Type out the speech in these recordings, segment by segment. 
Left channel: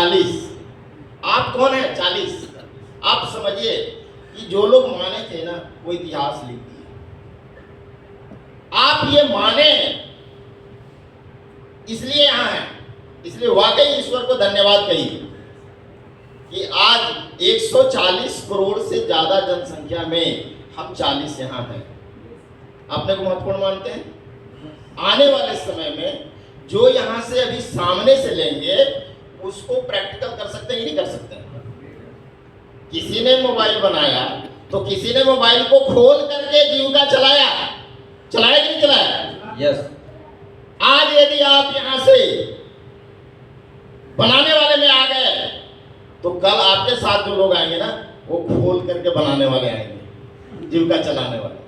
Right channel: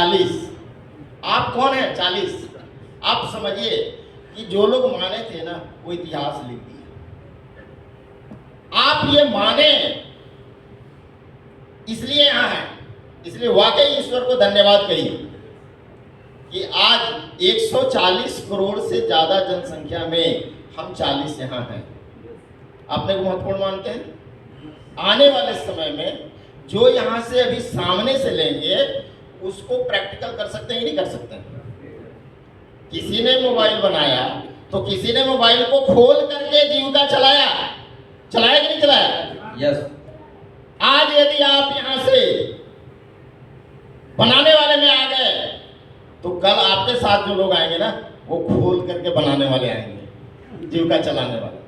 40। आप कौन है 40? आप समझिए कि जो लोग माने थे ना वो इतिहास लिख दिए। आप ये माने इसलिए यहां हैं, इसलिए वाकई ईश्वर को धन्यवाद कहिए कि आज 140 करोड़ से ज्यादा जनसंख्या में हम 40 यहां हैं। अपने को महत्वपूर्ण मानते हैं। आने वाले समय में जो यहां से अभी सामने से लेंगे उसको प्रैक्टिकल कर सकते हैं नहीं कर सकते हैं। किसी ने मोबाइल बनाया तो किसी ने मोबाइल को खोल करके जीविका चलाया कि नहीं चलाया? यस। आज यदि आप यहां से बनाने वाले में आ गए तो कल आपके साथ जो लोग आएंगे ना वो खोल करके बनाने वाले आएंगे, जीविका चलाने वाले।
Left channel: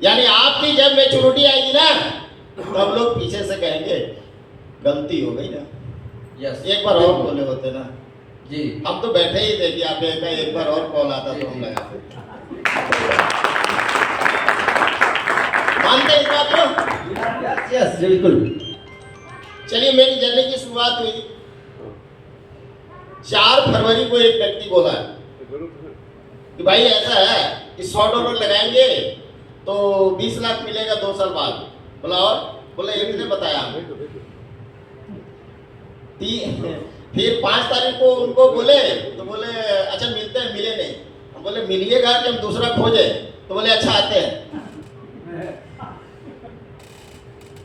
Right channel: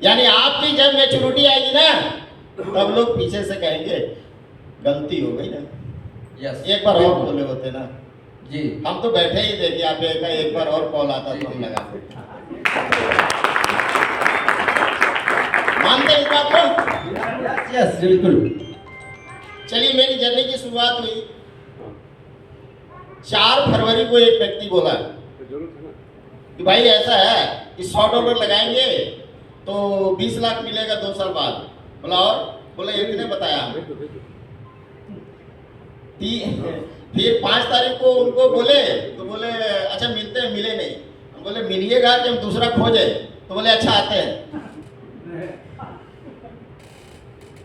यानी आपकी जब मैच्योरिटी आएगी ना तब लोग पीछे से कहेंगे गलती हो गई ना। यस। एक बार और बोले होते ना जी। हम तो बैठे ही थे कि आप एक बार और कॉल आता तो हम लगाते। मानते इस बात को? यस बिल्कुल। चलिए मेरी जर्नी की शुरुआत हुई 4 फरवरी को। एक व्यक्ति बोला कि भाई ऐसा है कि $100 लगाएंगे तो 20 लाख मिलेगा 2 साल बाद। बोला और बोला एक ने बताया। फिर 5 तारीख को उनको बोले तो बोले अच्छा मिलते हैं, मिले नहीं। हम बोले मिलिएगा कि हम दूसरा खोजे? तो बोले अच्छा आते हैं।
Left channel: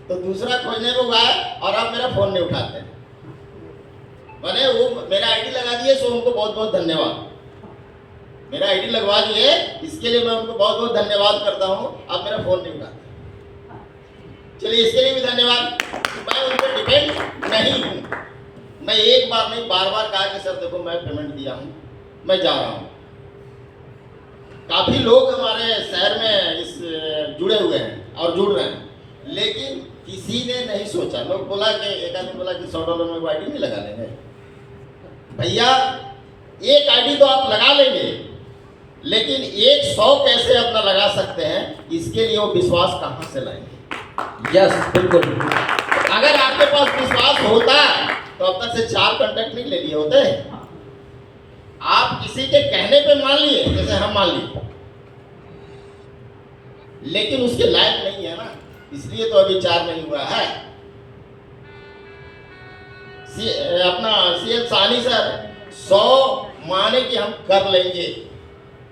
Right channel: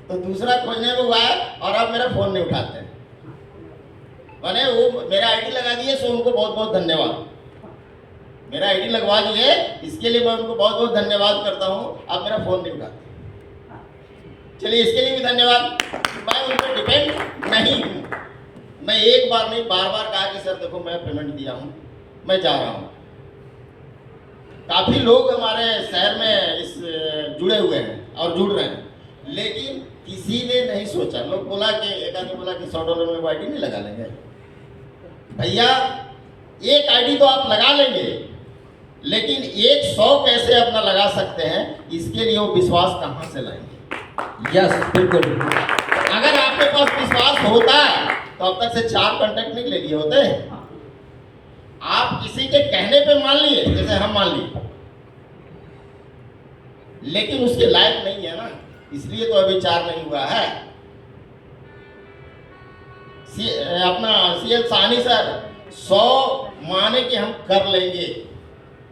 तो दूसरा खोजने को हुआ और अब मेरा फोन नहीं उठाते। मैंने वो मेरा आईडी लगा दिए सो उनको बहुत बहुत धन्यवाद। मेरा आईडी लगवा दिए इसके लिए मैं उनको बहुत बहुत धन्यवाद करता हूँ। अब मेरा फोन नहीं उठाते। चलिए इसके लिए भी धन्यवाद। मैं उन पर डिपेंड नहीं हूँ। मैं एक बार नहीं बार बार कहा कि सर देखो मैं पेमेंट दिया हूँ, मैं जा रहा हूँ। काफी लोग हमारे शहर में इस जुड़े हुए हैं और जुड़ रहे हैं, लेकिन किसी ने नहीं सोचा। लोग बोला कि एक आदमी बोला कि $100 में वो आईडी नहीं लगा लेंगे। भैया एक आईडी तो आप लगा लेंगे, लेकिन 100 कैसे अपना लगा सकते हैं इसके लिए वो विश्वास कहाँ से लाएंगे? यस बिल्कुल। अगर आपके पास विश्वास होता तो अब तक से 4 कॉन्टैक्ट नहीं ले लिए होते। आप किसी के कहने पे मान लिए, जैसे हम मान लिए, लेकिन उसके लायक नहीं है ना, इसलिए तो अभी 4 नहीं हुआ है। अपना सीएल साहनी सर 100 माने कि हम कर लेंगे,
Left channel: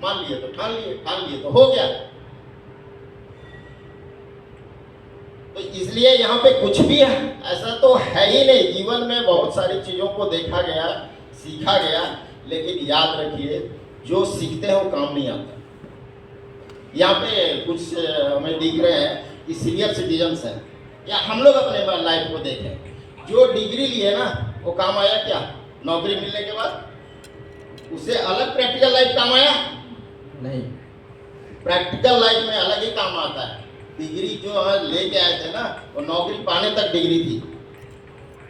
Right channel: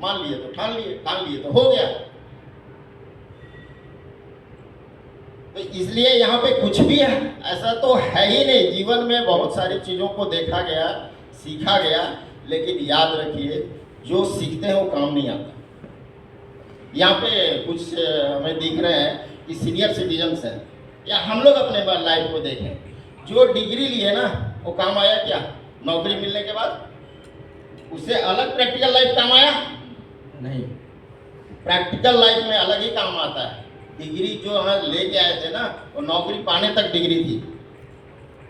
मान लिए तो ठान लिए तो हो गया। तो इसलिए यहाँ पे कुछ भी है ऐसा तो है ही नहीं। जीवन में बहुत सारी चीज़ों को देखा गया, सीखा गया, लेकिन याद रखिए जो सीखते हैं वो काम नहीं आता। यहाँ पे कुछ हमें दिख रहे हैं कि सीनियर सिटीजन्स हैं, या हम लोग अपने लाइफ को देखें। जो डिग्री लिए ना वो काम आया क्या? नौकरी मिलने के बाद उससे अलग प्रैक्टिकल लाइफ काम आया नहीं। प्रैक्टिकल लाइफ में अलग ही काम आता है। डिग्री जो हम लेके आए थे ना वो नौकरी पाने तक डिग्री थी।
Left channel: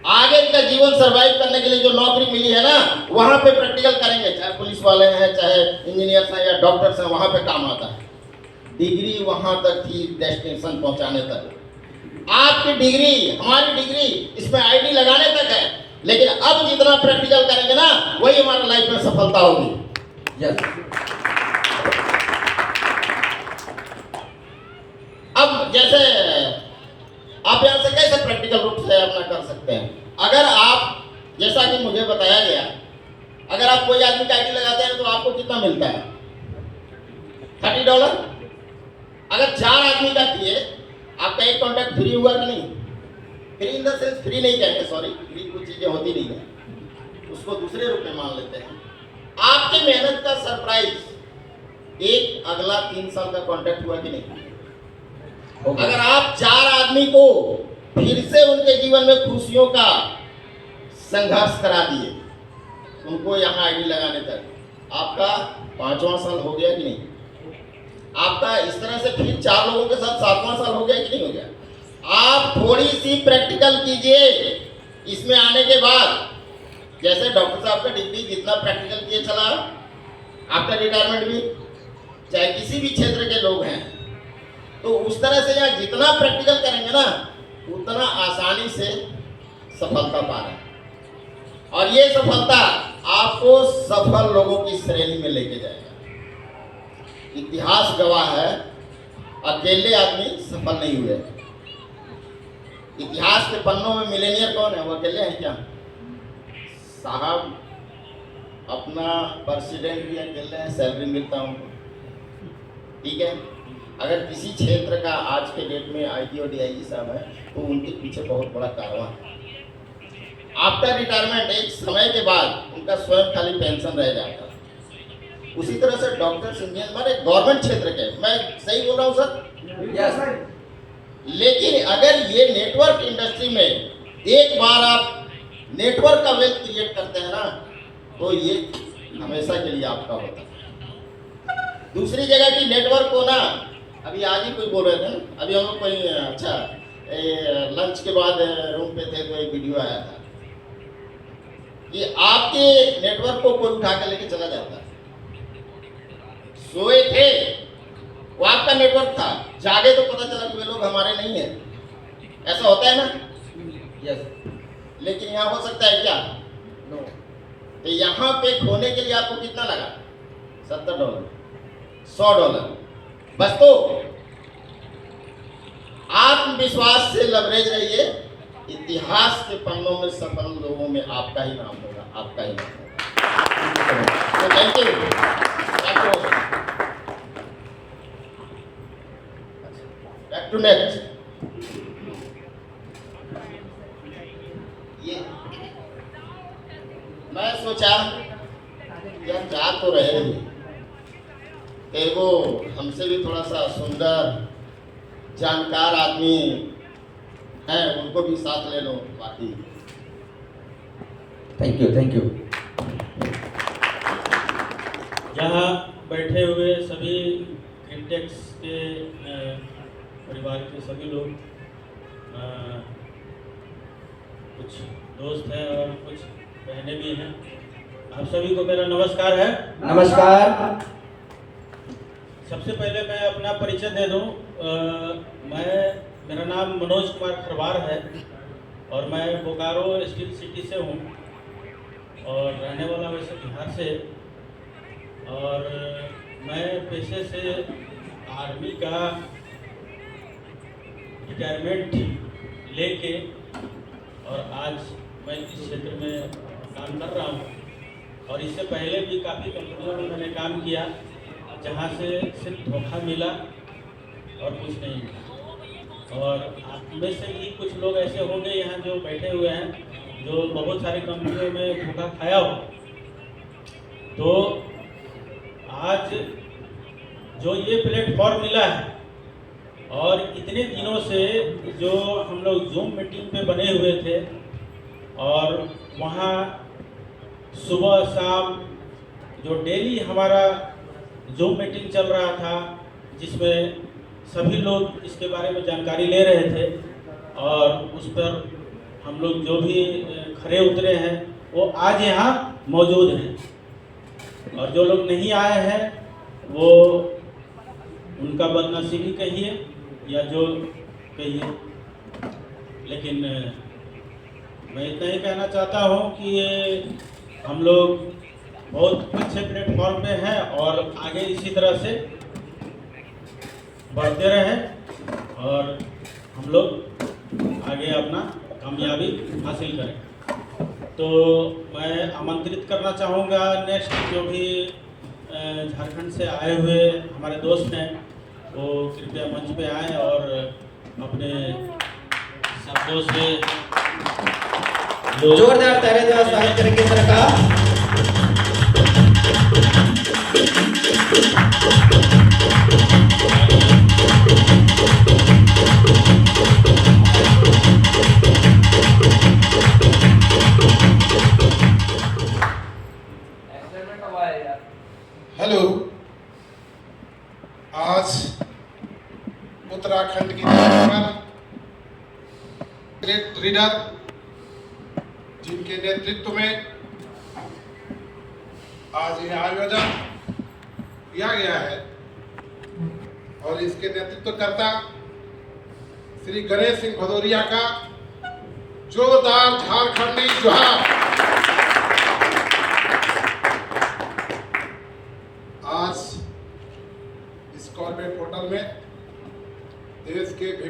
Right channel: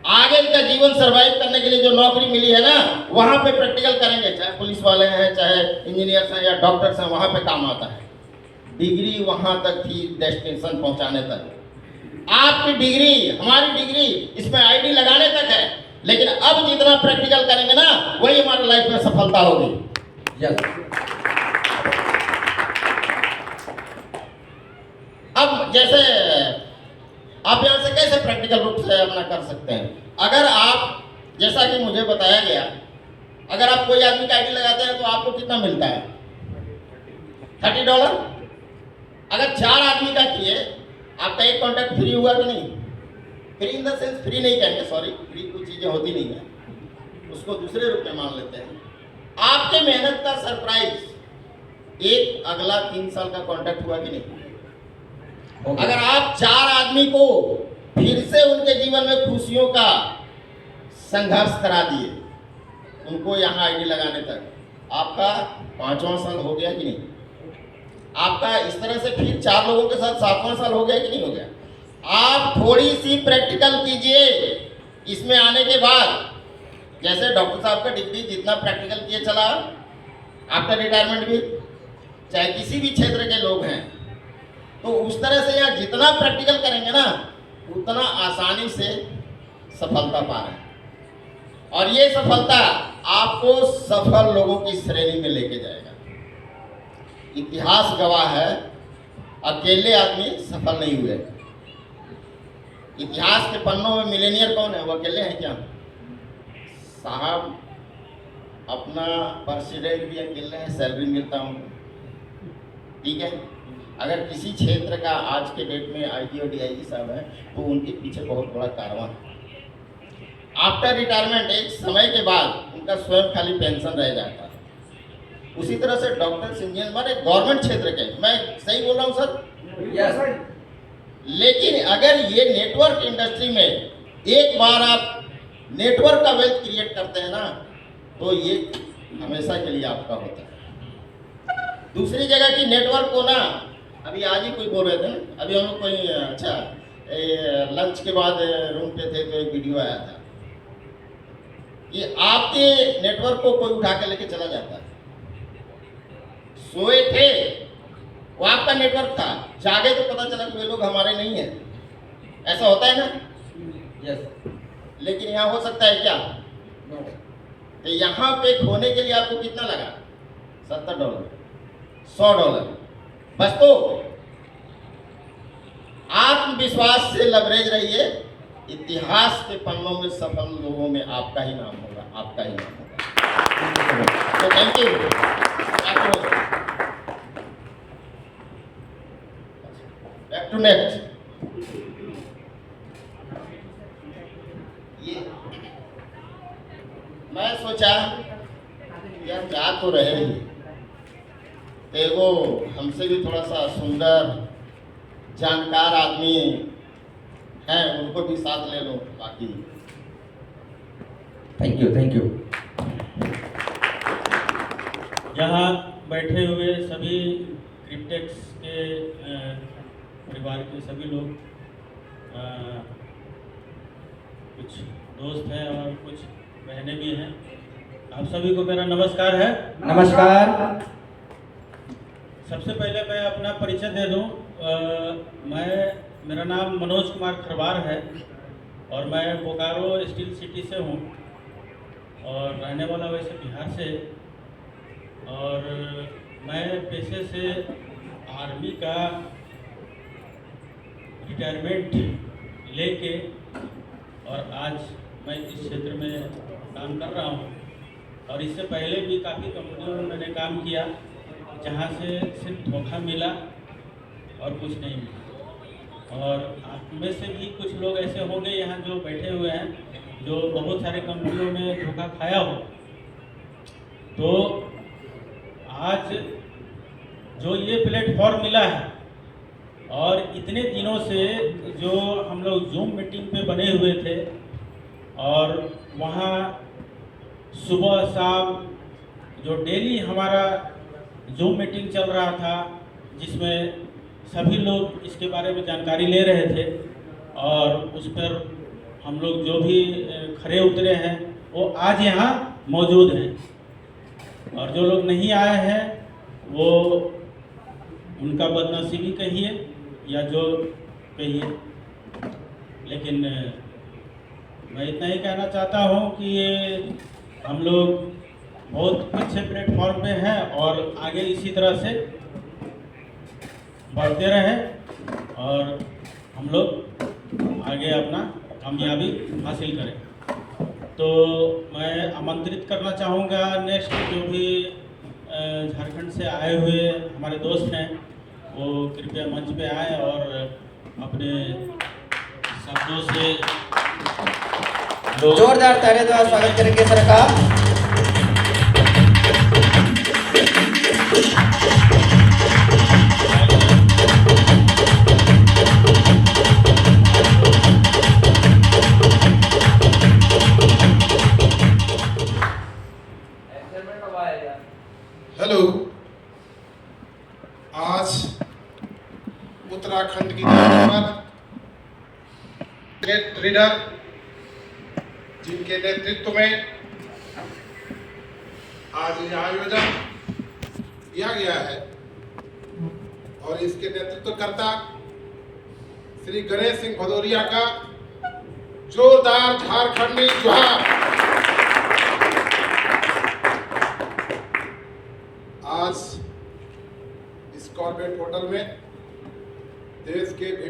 आगे का जीवन सरवाइव करने के लिए जो नौकरी मिली है ना वहां पे प्रैक्टिकल करेंगे, चाहे पुलिस वाले हैं, चाहे इंजीनियर्स हैं या डॉक्टर्स हैं, वहां पे काम आता है। डिग्री वहां तक थी डेस्टिनेशन पहुंचाने तक। आपकी डिग्री, हमारी डिग्री इसमें आईडी लगाने तक है, लेकिन अब जितना प्रैक्टिकल करेंगे ना वही हमारे लाइफ में सफलता होगी। यस। अब जैसे आप यहाँ से कैसे प्रैक्टिकल रूप से अपना कर सकते हैं? अगर आप, जैसा कि मुझे बताया गया, अगर आप कोई आदमी का आईडी लगाते हैं तो आपको कितना मिलता है? $30। अगर 4 आदमी का किए आपका एक कॉन्टैक्ट फ्री हुआ कि नहीं? Free in the sense, free नहीं कहेंगे, सॉरी, फ्री कुछ चीजें होती नहीं है, उसको दूसरे रूप में मान लेते हैं। आपके मेहनत का सरप्राइज एक अगला 3 साल का कॉन्टैक्ट हुआ कि नहीं? अगर आप 4 आदमी को फिर से उनके जीवन में खुशियों का संघर्ष करा दिए, उनको यहाँ आईडी लगाने तक, आपका 5वां साल हो गया कि नहीं? आपका इस तरह से फिर 4 लोगों के साथ 7वां साल हो गया कि नहीं हो गया? आप थोड़ी सी प्रैक्टिकल कीजिए इसमें आने के बाद। जैसे डॉक्टर साहब का डिग्री जितना प्रैक्टिकल किए चला, आपका रिटायरमेंट भी, चाहे किसी भी क्षेत्र के लोग हैं, तो उस तरह से यहाँ जितना प्रैक्टिकल करेंगे ना उतना आसानी से सफलता पा रहे हैं। और ये सफलता आपको सफल लोगों की श्रेणी में लेके जाएगा। इतिहास गवाह है, अकेले आदमी सफल नहीं हुए। इतिहास के पन्नों में मिलेनियर कौन है? वो अकेले हैं क्या? साहब अपना प्रेसिडेंट भी अकेले हैं, सैलरी मिलता उनको, ठीक है। अगर किसी क्षेत्र का आज के डेट में आईजी और डीआईजी साहब है तो उनके पीछे बहुत बड़ा कारवां है। आफ्टर रिटायरमेंट एक समय के बाद उनका स्वयं खाली पेंशन रह जाता है। उसी तरह से डॉक्टर इंजीनियर माने गवर्नमेंट क्षेत्र के, मैं सही बोल रहा हूँ सर? यस। लेकिन अगर ये नेटवर्क इंडस्ट्री में एक बार आप नेटवर्क का वेल्थ क्रिएट करते हैं ना, तो ये हमेशा के लिए आपका होता है। दूसरी जगह की नेटवर्क को ना, अभी आज ही कोई बोल रहे थे ना, अभी हम लोग कोई अच्छा लंच के बाद रूम पे थे तो एक वीडियो आया था कि आपके नेटवर्क को कोई उठा के लेके चला जाता है। सोए थे, वो आपका नेटवर्क था, जागे तो पता चला कि वे लोग हमारे नहीं है। ऐसा होता है ना? यस। लेकिन यहाँ हो सकता है क्या? नो। तो यहाँ पे खोने के लिए आपको कितना लगा? $70, $100 बस। तो आत्मविश्वास से लवरेज रहिए, इतिहास के पन्नों में सफल लोगों में आपका ही नाम होगा, आपका ही नाम होगा। तो thank you. Back to next. ये मैं सोचा यार जा तो रहे हैं, देखो हमसे भी थोड़ा सा सुंदर जानकार आदमी हैं, उनको भी साथ ले लो। बाकी थैंक यू, थैंक यू। यहाँ बैठे हुए सभी क्रिप्टेक्स के परिवार के सभी लोग, कुछ दोस्त हैं और कुछ बहनें भी हैं, आप सभी को मेरा नमस्कार है। नमस्कार। सबसे पहले मैं अपना परिचय दे दूं। मेरा नाम मनोज कुमार खरवार है और मैं बोकारो स्टील सिटी से हूं और रहने वाला वैसे बिहार से। और मैं पेशे से आर्मी का रिटायरमेंट लेके और आज मैं इस क्षेत्र में काम कर रहा हूँ। और इससे पहले भी काफ़ी कंपनियों में मैंने काम किया जहाँ से सिर्फ धोखा मिला और कुछ नहीं मिला। और आप में से भी कुछ लोग ऐसे होंगे यहाँ जो बैठे हुए हैं जो बहुत सारी कंपनियों में धोखा खाया हो। तो आज जो ये प्लेटफॉर्म मिला है और इतने दिनों से जो हम लोग जूम मीटिंग पे बने हुए थे और वहाँ सुबह शाम जो डेली हमारा जूम मीटिंग चल रहा था जिसमें सभी लोग इसके बारे में जानकारी ले रहे थे और उस पर हम लोग जो भी खरे उतरे हैं वो आज यहाँ मौजूद हैं। और जो लोग नहीं आए हैं वो उनका बदनसीबी कहिए या जो कहिए, लेकिन मैं इतना ही कहना चाहता हूँ कि ये हम लोग बहुत अच्छे प्लेटफॉर्म पे हैं और आगे इसी तरह से बढ़ते रहें और हम लोग आगे अपना कामयाबी हासिल करें। तो मैं आमंत्रित करना चाहूँगा नेक्स्ट जो भी झारखंड से आए हुए हमारे दोस्त हैं वो कृपया मंच पे आएँ और अपने शब्दों से जोरदार तालियों द्वारा स्वागत करेंगे सरकार। हेलो, आज उत्तराखंड की धरती पर ग्रेट रीडर जिनके नेतृत्व में आज यह आयोजन किया गया है और इसके नेतृत्वकर्ता श्री गणेश सिंह भदौरिया का जोरदार झारखंडी जोहार।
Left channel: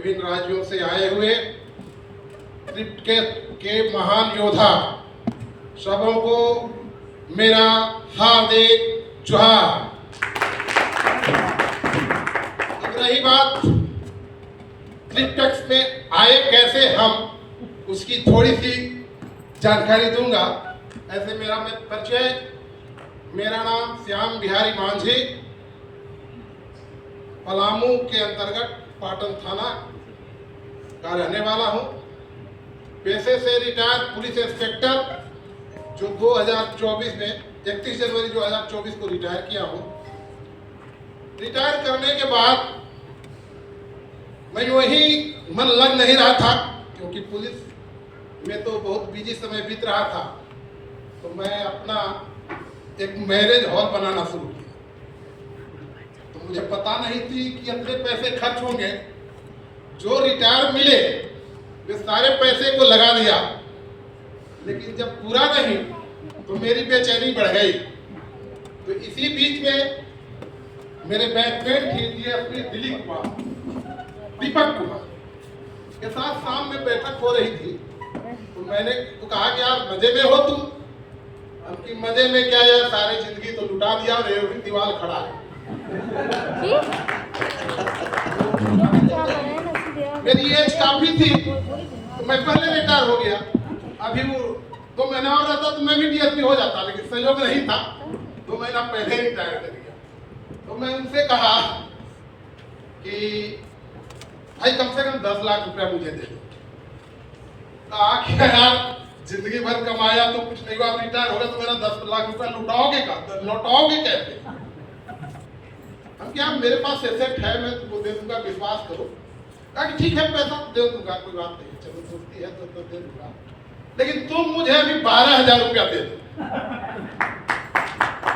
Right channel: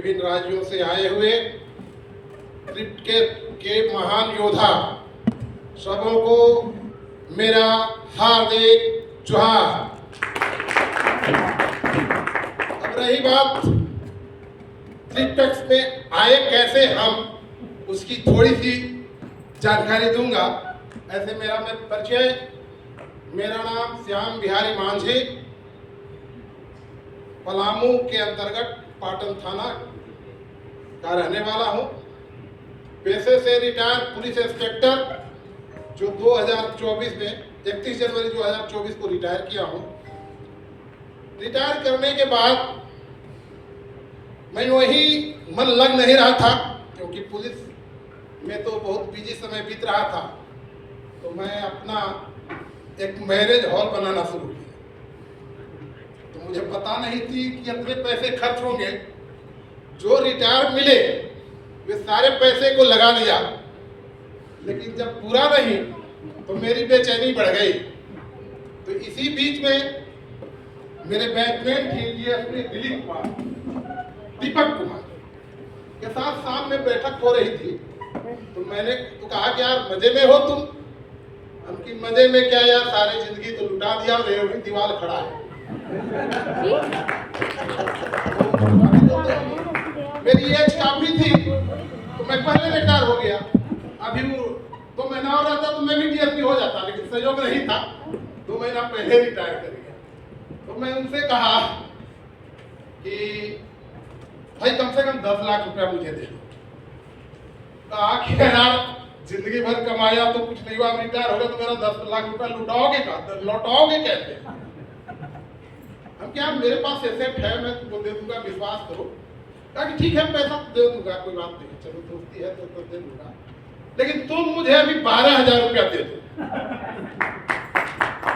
विभिन्न राज्यों से आए हुए क्रिकेट के महान योद्धा सबों को मेरा हार्दिक जोहार। अब रही बात ट्रिपटेक्स में आए कैसे हम, उसकी थोड़ी सी जानकारी दूंगा। ऐसे मेरा परिचय, मेरा नाम श्याम बिहारी मांझी, पलामू के अंतर्गत पाटन थाना का रहने वाला हूं। पेशे से रिटायर पुलिस इंस्पेक्टर, जो 2024 में 31 जनवरी 2024 को रिटायर किया हूं। रिटायर करने के बाद मैं वही मन लग नहीं रहा था, क्योंकि पुलिस में तो बहुत बिजी समय बीत रहा था। तो मैं अपना एक मैरिज हॉल बनाना शुरू किया। तो मुझे पता नहीं थी कि इतने पैसे खर्च होंगे। जो रिटायर मिले वे सारे पैसे को लगा दिया, लेकिन जब पूरा नहीं तो मेरी बेचैनी बढ़ गई। तो इसी बीच में मेरे बैचमेट थे डीएसपी दीपक कुमार के साथ शाम में बैठक हो रही थी। तो मैंने तो कहा कि यार मजे में हो तुम। उनकी मजे में क्या यार, सारी जिंदगी तो लुटा दिया, रेवड़ी दीवार खड़ा है। मेरी एज काफी थी तो मैं पहले रिटायर हो गया। अभी वो 2 महीना और रहता तो मैं भी डीएसपी हो जाता, लेकिन सहयोग नहीं था। 2 महीना पहले रिटायर कर गया। तो मैं उनसे कहा कि भाई कम से कम 10 लाख रुपया मुझे दे दो। कहा कि यार जिंदगी भर कमाया तो कुछ नहीं हुआ, रिटायर हो गया तो मेरा 10 लाख रुपया लौटाओगे कैसे? हम क्या, मेरे पास एसेट है, मैं तुमको दे दूंगा, विश्वास करो। कहा कि ठीक है, पैसा दे दूंगा, कोई बात नहीं, चलो दोस्ती है तो दे दूंगा, लेकिन तुम मुझे अभी 12,000 रुपया दे दो।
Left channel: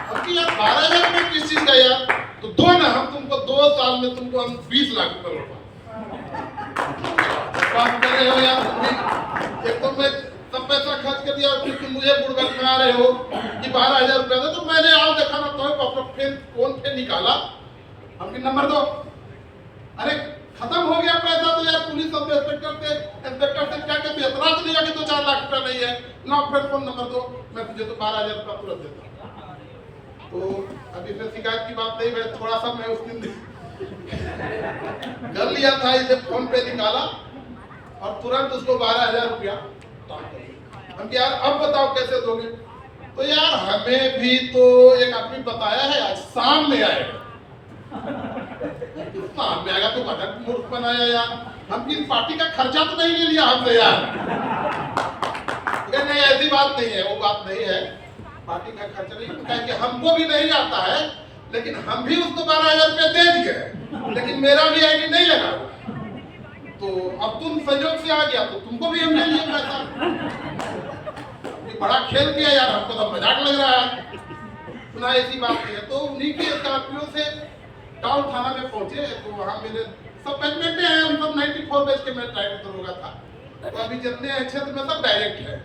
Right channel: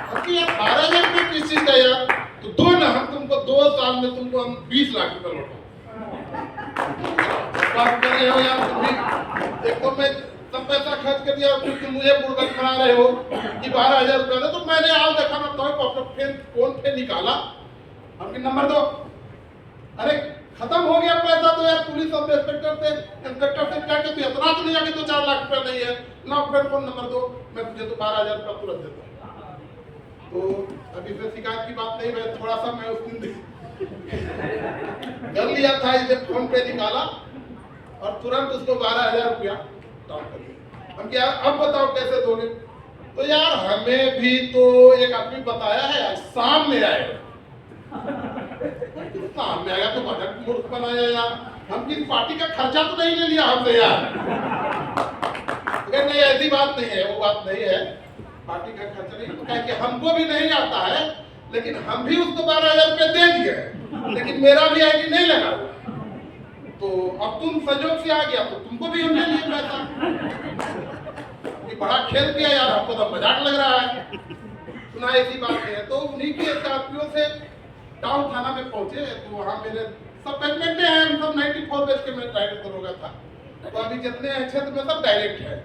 अब यार 12,000 रुपया किस चीज का यार? तो दो ना, हम तुमको 2 साल में तुमको हम 20 लाख रुपया लौटा। बात कर रहे हो यार तुम भी? एक तो मैं सब पैसा खर्च कर दिया और फिर तुम मुझे बुड़बक बना रहे हो कि 12,000 रुपया दे। तो मैंने आज देखा ना, तो फोन पे निकाला, हमके नंबर दो। अरे खत्म हो गया पैसा तो यार, पुलिस सब इंस्पेक्टर से क्या कहते, इतना तो नहीं है कि 2-4 लाख रुपया नहीं है ना, फिर फोन नंबर दो, मैं तुझे तो 12,000 रुपया तुरंत देता हूँ। तो अभी फिर शिकायत की बात नहीं है, थोड़ा सा मैं उस दिन कर लिया था, इसे फोन पे निकाला और तुरंत उसको 12,000 रुपया ट्रांसफर किया। हम यार अब बताओ कैसे दोगे? तो यार हमें भी तो एक आदमी बताया है, आज शाम में आएगा। शाम में आएगा तो बजट मूर्ख बनाया यार, हम किसी पार्टी का खर्चा तो नहीं ले लिया हमसे यार। नहीं, ऐसी बात नहीं है, वो बात नहीं है, पार्टी का खर्चा नहीं। तो कहे कि हमको भी नहीं आता है, लेकिन हम भी उसको 12,000 रुपया दे दिए, लेकिन मेरा भी आईडी नहीं लगा हुआ। तो अब तुम संयोग से आ गया तो तुमको भी हम ले लिए पैसा। बड़ा खेल किया यार, हमको तो मजाक लग रहा है। सुना ऐसी बात है। तो उन्हीं के स्कॉर्पियो से टाउन थाना में पहुंचे। तो वहाँ मेरे सब बैचमेट हैं, हम सब 94 बैच के मैं ड्राइवर दरोगा था। तो अभी जितने हैं क्षेत्र में सब डायरेक्ट है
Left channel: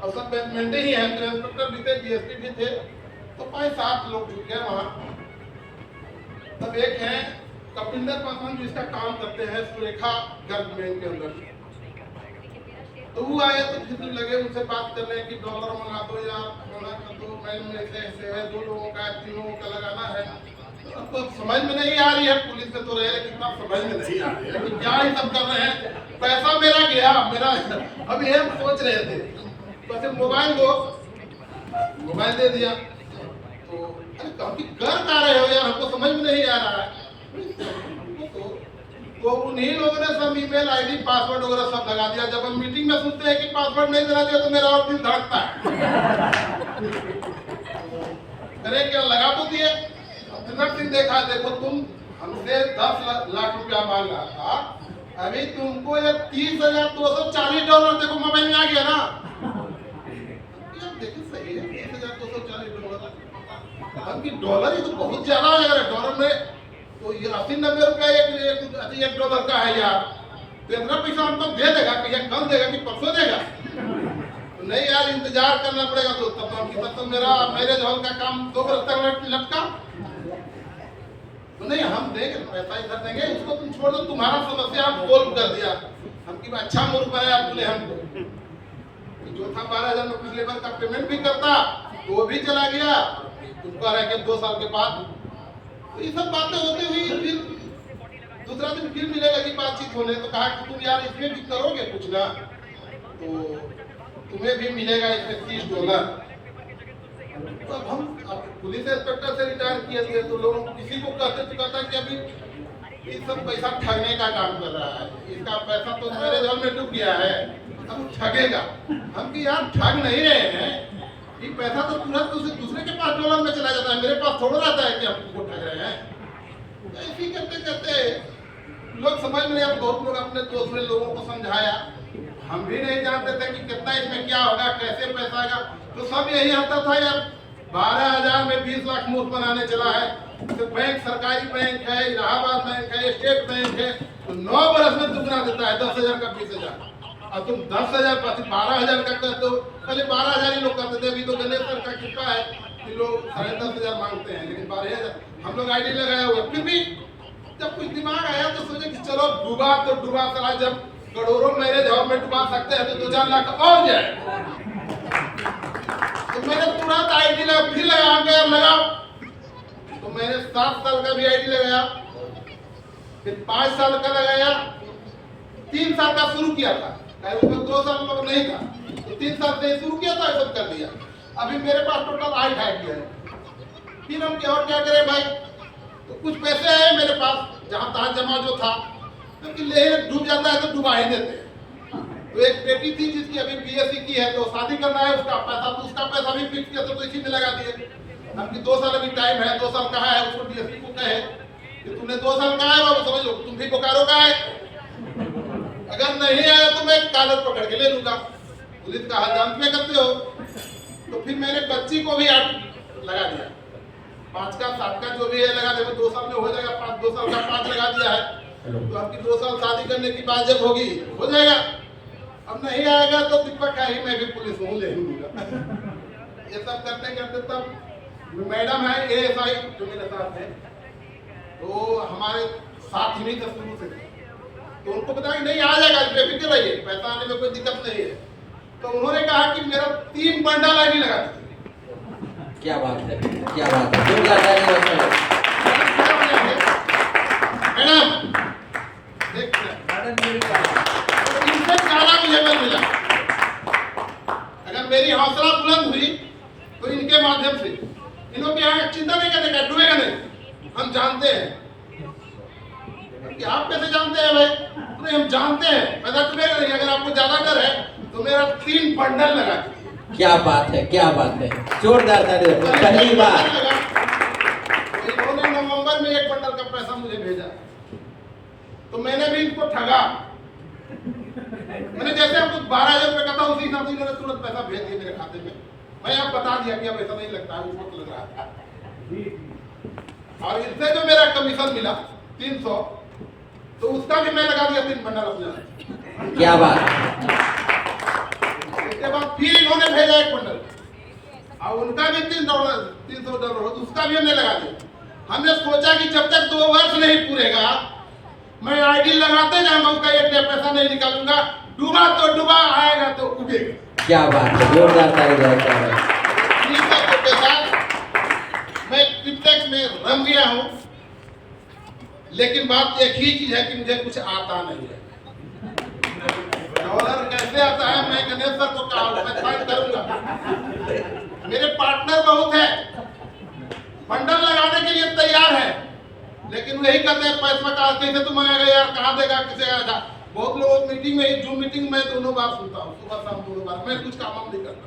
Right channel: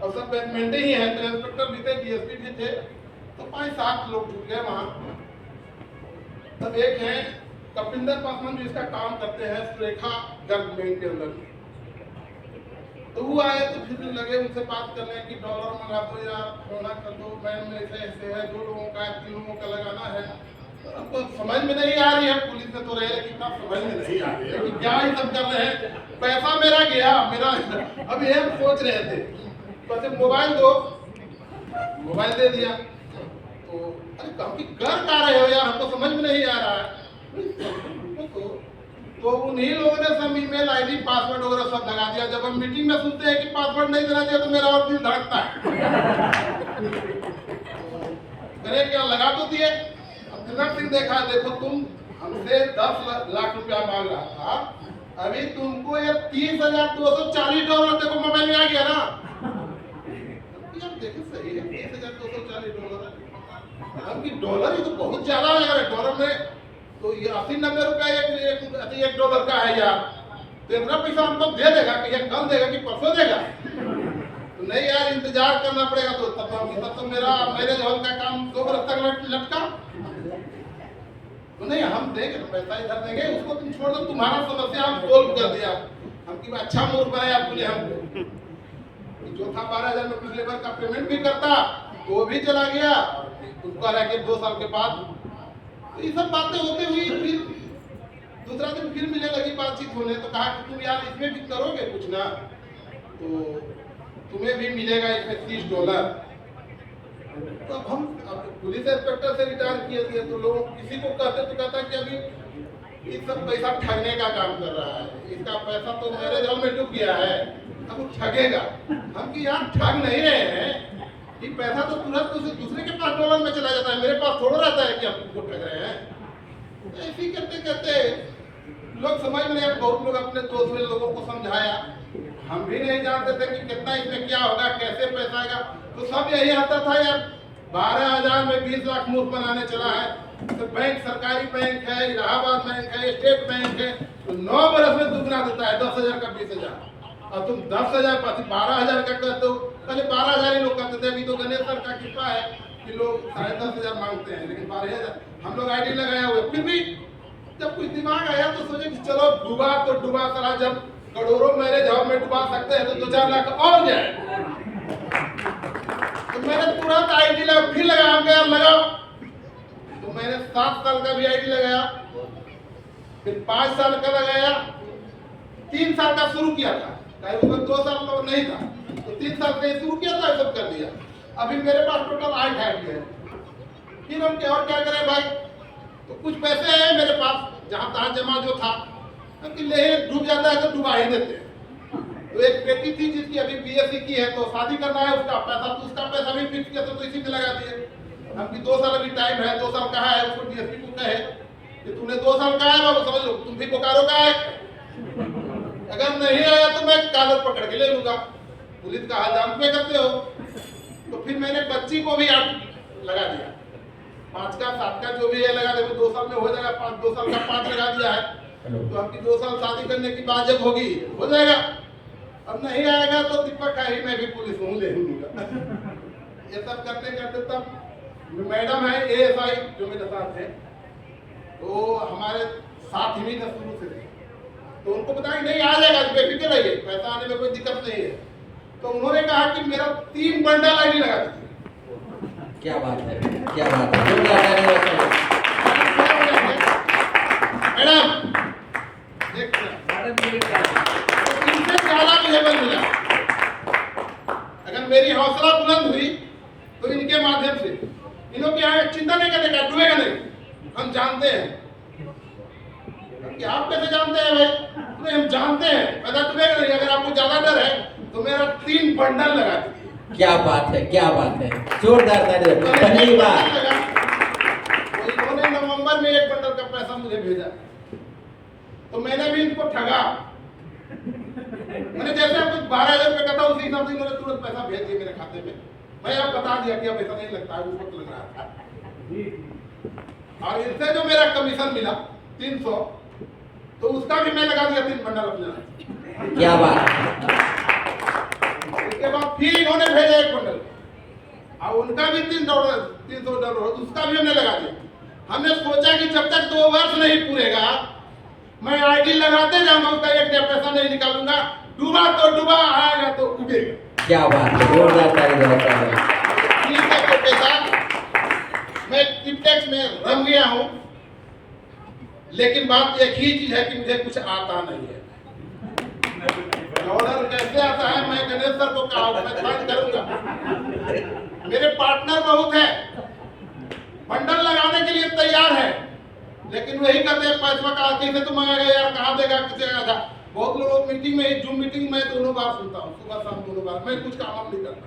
और सब बैचमेट ही हैं। तो इंस्पेक्टर भी थे, डीएसपी भी थे, तो 5-7 लोग जुट गए वहाँ। तब एक है कपिंदर पासवान, जो इसका काम करते हैं सुरेखा गर्ग बैंक के अंदर। तो वो आए तो फिर लगे उनसे बात करने की, डॉलर मंगा दो यार, थोड़ा कर दो, मैन में ऐसे है, 2 लोगों का 3 लोगों का लगाना है। तो आपको समझ में नहीं आ रही है, पुलिस में तो रहे, लेकिन आप समझ में नहीं आ रही है कि क्या ही सब कर रहे हैं। पैसा मेरा गया, मेरा अब ये हम सोच रहे थे। तो ऐसे मोबाइल दो, मोबाइल दे दिया। तो अरे काफी कर क्या रहे हो यार, हमको समझ में नहीं आ रहा है। तो उन्हीं लोगों ने सब ईमेल आईडी पासवर्ड वगैरह सब लगा दिया। जब हम मीटिंग में सुनते हैं कि पासवर्ड नहीं देना चाहिए तो मेरा और दिल धड़कता है। करे क्या, लगा तो दिए। अब तिलक सिंह देखा, देखो तुम हमसे 10 लाख रुपया मांग रहा था, अभी तुमको ये $30,240 देखो मोबाइल में आ गया ना। देखो सही है, $30,240। हमकी डॉलर ही तो बहुत ज्यादा आ यार, डॉलर में तो ये 80-90 रुपया एक डॉलर का है यार। तो इतना पैसा हमको दे देगा कि या कल देगा कि परसों देगा? तो नहीं यार, इंतजार करना पड़ेगा। तो तब तो मेरा मैरिज हॉल का काम 2 बरस तक लटका। तो नहीं हम देंगे पैसा इधर देंगे, उसको तुम छोड़ दो, तुम्हारा समस्या हम सोल्व कर दिया। हम की अच्छा मूर्ख बनाया आपने हमको। जो था 12,000 में पिछले बार का पेमेंट भी करता तो वो भी चला गया, तुमको रह के 2 साल के बाद। तो ये सब बातें होते हुई फिर दूसरा दिन फिर मिले लगी बातचीत होने, तो कहा कि तुम यार इसमें भी करोगे कुछ ना, तो तुम्हें भी मिलेगा इसमें $30। तो अब पुलिस इंस्पेक्टर से रिटायर किए थे, तो लोग किसी को कहते तो कहता कि अभी ये सब पैसा ठगने का काम कर रहा है, इसका पैसा तो मेरे घर में डूब गया है, अब वो ठगेगा। हम कि यार ठग नहीं रहे हैं, ये पैसा तो तुरंत दूसरे के पास डॉलर में चला जाता है, मेरे पास थोड़ा रहता है कि हम उसको ठग रहे हैं। तो ऐसे ही करते करते लोग समझ में नहीं। अब बहुत लोग अपने दोस्त में लोगों को समझाया, हम भी नहीं जानते थे कि कितना इसमें क्या होगा, कैसे पैसा आएगा। तो सब यही आता था यार 12,000 में 20 लाख मूर्ख बनाने चला है। तो बैंक सरकारी बैंक है, इलाहाबाद बैंक है, स्टेट बैंक है, तो 9 बरस में दुगना देता है, 10,000 का 20,000। और तुम 10,000 12,000 का कहते हो। पहले 12,000 ही लोग कहते थे, अभी तो गणेश सर का कृपा है कि लोग 10,500 मांगते हैं, लेकिन 12,000 हम लोग आईडी लगाया हुआ। फिर भी जब कुछ दिमाग आया तो सोचे कि चलो डूबा तो डूबा, साला जब करोड़ों मैरिज हॉल में डुबा सकते हैं तो 2-4 लाख और जाए। तो मैंने तुरंत आईडी लगा, फिर लगाया, हम यार लगाओ। तो मैंने 7 साल का भी आईडी लगाया, फिर 5 साल का लगाया, 3 साल का शुरू किया था, उसमें 2 साल लोग नहीं था, तो 3 साल से शुरू किया था, सब कर दिया। अभी मेरे पास टोटल 8 आईडी है। फिर हम क्या और क्या करें भाई, तो कुछ पैसे हैं मेरे पास जहाँ तहाँ जमा जो था, कि ले डूब जाता है तो डुबा ही देते हैं। तो एक बेटी थी जिसकी अभी BSc की है, तो शादी करना है, उसका पैसा तो उसका पैसा भी फिक्स किया, तो इसी में लगा दिए। हमकी 2 साल अभी टाइम है, 2 साल कहा है, उसको DSP को कहे कि तुमने 2 साल कहा है बाबू, समझ लो तुम भी बोकारो का है, अगर नहीं आया तो मैं कागज पकड़ के ले लूंगा। पुलिस का हाल जान में करते हो। तो फिर मैंने बच्ची को भी लगा दिया, 5 का 7 का जो भी है लगा दे, 2 साल में हो जाएगा, 2 साल का 5 लगा दिया है। तो आपकी 2 साल शादी करने की बात जब होगी हो जाएगा। अब नहीं आएगा तो दीपक है ही, मैं भी पुलिस हूँ, ले लूंगा। ये सब करते करते तब मैडम है ASI जो मेरे साथ है, तो हमारे साथ ही नहीं था शुरू से, तो उनको पता कि नहीं आ जाएगा, बेफिक्र रहिए, पैसा आने में कोई दिक्कत नहीं है। तो उन्होंने कहा कि मेरा 3 बंडल आईडी लगा दीजिए। क्या बात है, क्या बात है, जोरदार ताली बजाइए। मैडम इनसे ज्यादा मुझे बल मिला। अगर मेरी हौसला बुलंद हुई तो इनके माध्यम से, इन्हों के यहाँ चिंता नहीं करने का, डूबेगा नहीं, हम जानते हैं। आप कैसे जानते हैं भाई? नहीं हम जानते हैं पैसा डूबेगा नहीं। अगर आपको ज्यादा डर है तो मेरा 3 बंडल लगा दीजिए। क्या बात है, क्या बात है, जोरदार ताली। पहली बार इन्होंने नवंबर में 1 बंडल का पैसा मुझे भेजा, तो मैंने भी इनको ठगा। मैंने जैसे आपको 12,000 रुपये का था, उसी हिसाब से इन्होंने तुरंत पैसा भेज दिया मेरे खाते में। मैं अब बता दिया कि अब ऐसा नहीं लगता है, उस वक्त लग रहा था। और इससे जो मेरा कमीशन मिला 300, तो उसका भी मैं लगा दिया 3 बंडल अपने। क्या बात। उसके बाद फिर इन्होंने भेजा 1 बंडल, और उनका भी $300, उसका भी हमने लगा दिया। हमने सोचा कि जब तक 2 वर्ष नहीं पूरेगा मैं आईडी लगाते जाऊंगा, उसका 1 पैसा नहीं निकालूंगा। डूबा तो डूबा, आएगा तो उगेगा। क्या बात है, जोरदार ताली बजाते हैं। के साथ मैं क्रिप्टेक्स में रम गया हूं, लेकिन बात एक ही चीज है कि मुझे कुछ आता नहीं है। डॉलर कैसे आता है मैं गणेश सर को कहा, मैं फाइट करूंगा। मेरे पार्टनर बहुत है, बंडल लगाने के लिए तैयार है, लेकिन वही कहते हैं पैसा कहा कैसे तुम आएगा यार, कहाँ देगा, किसे आएगा। बहुत लोग मीटिंग में ही, जूम मीटिंग में दोनों बार सुनता हूँ, सुबह शाम दोनों बार। मैं कुछ काम नहीं करता।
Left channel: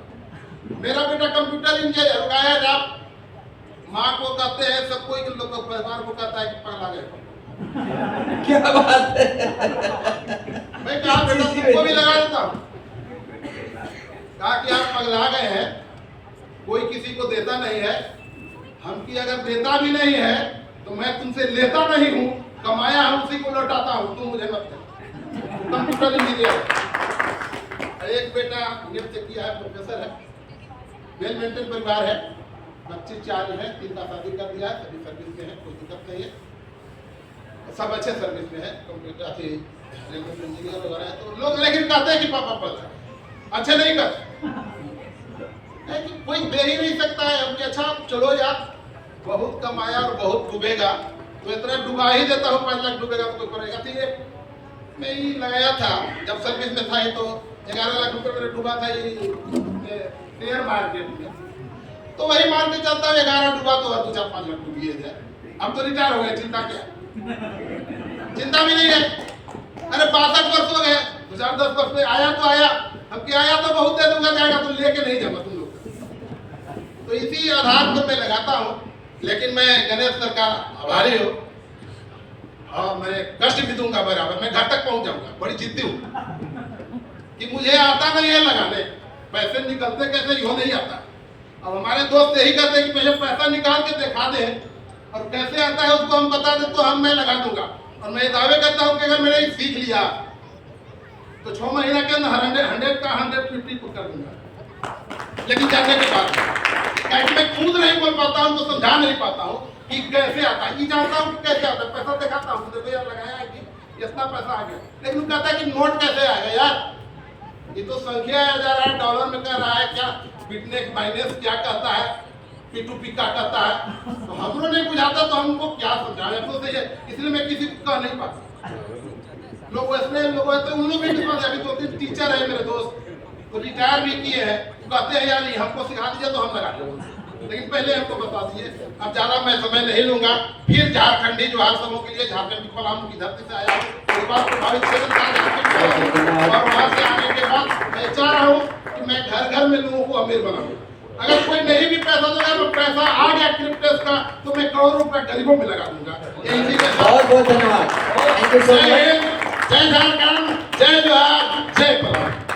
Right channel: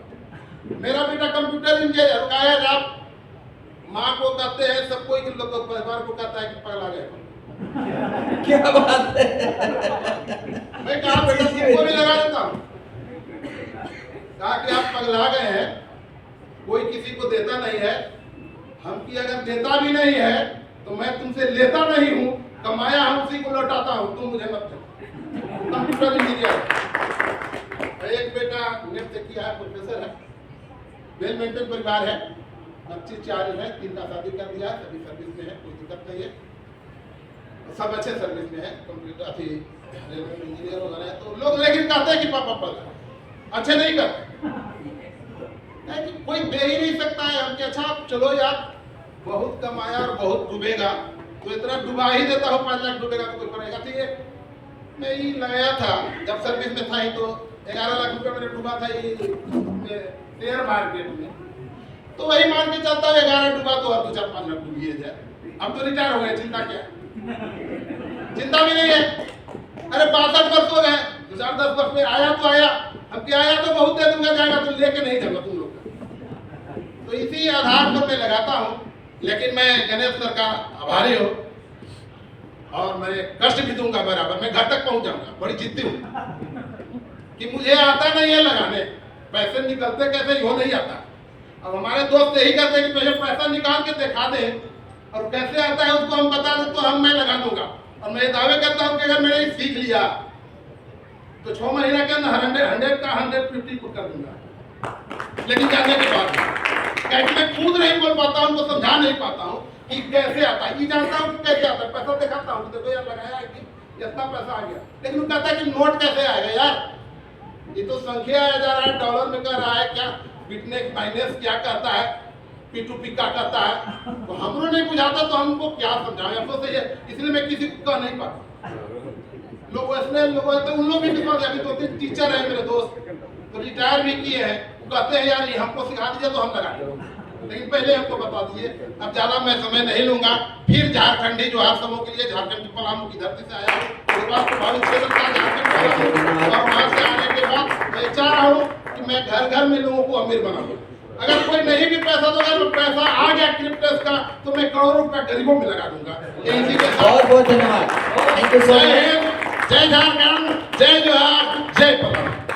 मेरा बेटा कंप्यूटर इंजीनियर है, आप माँ को कहते हैं, सब कोई परिवार को कहता है कि पगला गए। क्या बात है। मैं कहा बेटा तुमको भी लगा देता हूँ, कहा कि आप पगला गए हैं, कोई किसी को देता नहीं है, हमकी अगर देता भी नहीं है तो मैं तुमसे लेता नहीं हूँ, कमाया हूँ उसी को लौटाता हूँ, तुम मुझे मत दे। कंप्यूटर इंजीनियर, एक बेटा नेट से किया है, प्रोफेसर है, वेल मेंटेन परिवार है, 25 4 है, 3 का शादी कर दिया है, सभी सर्विस में है, कोई दिक्कत नहीं है। सब अच्छे सर्विस में है, कंप्यूटर अथी रेलवे इंजीनियर वगैरह है, तो लोग लेकिन कहते हैं कि पापा पढ़ रहे हैं, अच्छे नहीं करते है कि कोई दे ही नहीं सकता है हम कि अच्छा चलो यार बहुत कमाया और बहुत डूबेगा तो इतना डुबा ही देता हूँ, 5 लाख डूबेगा तो कोई करेगा। तो ये मैं ही लगाया था जब सर्विस में था ही, तो 11 लाख रुपए मेरे डूबा था ये शेयर मार्केट में, तो वही मान के चलता है 11 डूबा तो और 2-4-5 लाख डूब ही जाए। अब तो रिटायर हो गए, चिंता क्या, चिंता भी नहीं है। अरे 62 वर्ष हो गए, 2010 वर्ष में आया तो आया, अब क्या आया तो बहुत दे दूंगा, जाएगा तो लेके नहीं जाऊंगा तुम लोग। तो इसी आधार पर मैं लगाता हूँ, लेकिन मैं गणेश सर का आभारी हूँ और मैं कष्ट भी दूंगा बराबर, मैं घर तक पहुंच जाऊंगा, बड़ी जिद्दी हूँ कि मुझे आता नहीं है लगाने, पैसे निकलते कैसे यो नहीं आता। अब हमारे दोस्त यही कहते हैं कि पहले पैसा निकाल के दिखा दे और कैसे आता है उसको हम बता दें तो मैं लगा दूंगा। और मैं ये दावे करता हूँ कि अगर मैंने सीख लिया तो 6 महीना के अंदर 100 का 150 कर दूंगा। लेकिन जानने के बाद कैसे मैं खुद नहीं बोल पाता हूँ, तो समझा नहीं पाता हूँ कि कैसे आता है। ये जानता हूँ कि कैसे आता है, पैसा दिखाता हूँ देखो यार लगाया है कि इतना पैसा आ गया, लेकिन वो कहता है कि नोट कैसे आएगा यार, ये तो संख्या आ जा रहा है, डॉलर में कर रहा है, क्या बिटनेस माइनस क्या कहता है, P2P क्या कहता है, तो हमको नहीं बुझाता तो हमको क्या समझाएं। अफसोस है इसलिए मैं किसी को कह नहीं पाता। लोग ऐसे लोग तो उन लोग भी विश्वास, अभी 2-3 टीचर है मेरे दोस्त तो रिटायर भी किए हैं, कहते हैं यार ये हमको सिखा दीजिए तो हम लगा देंगे, लेकिन पहले हमको बता दिए। अब ज्यादा मैं समय नहीं लूंगा। फिर झारखंडी जोहार समूह के लिए झारखंड की पलामू की धरती से आया हूँ, उसके बाद प्रभावित क्षेत्र था झारखंड, और वहां से आने के बाद मैं चाह रहा हूँ कि मैं घर घर में लोगों को अमीर बनाऊँ। अगर कोई नहीं भी पैसा दोगे तो पैसा आ गया क्रिप्टस का तो मैं करोड़ों रुपया गरीबों में लगा दूंगा। इसी के साथ बहुत बहुत धन्यवाद, थैंक यू सो मच। जय झारखंड, जय जोहार, जय पलामू।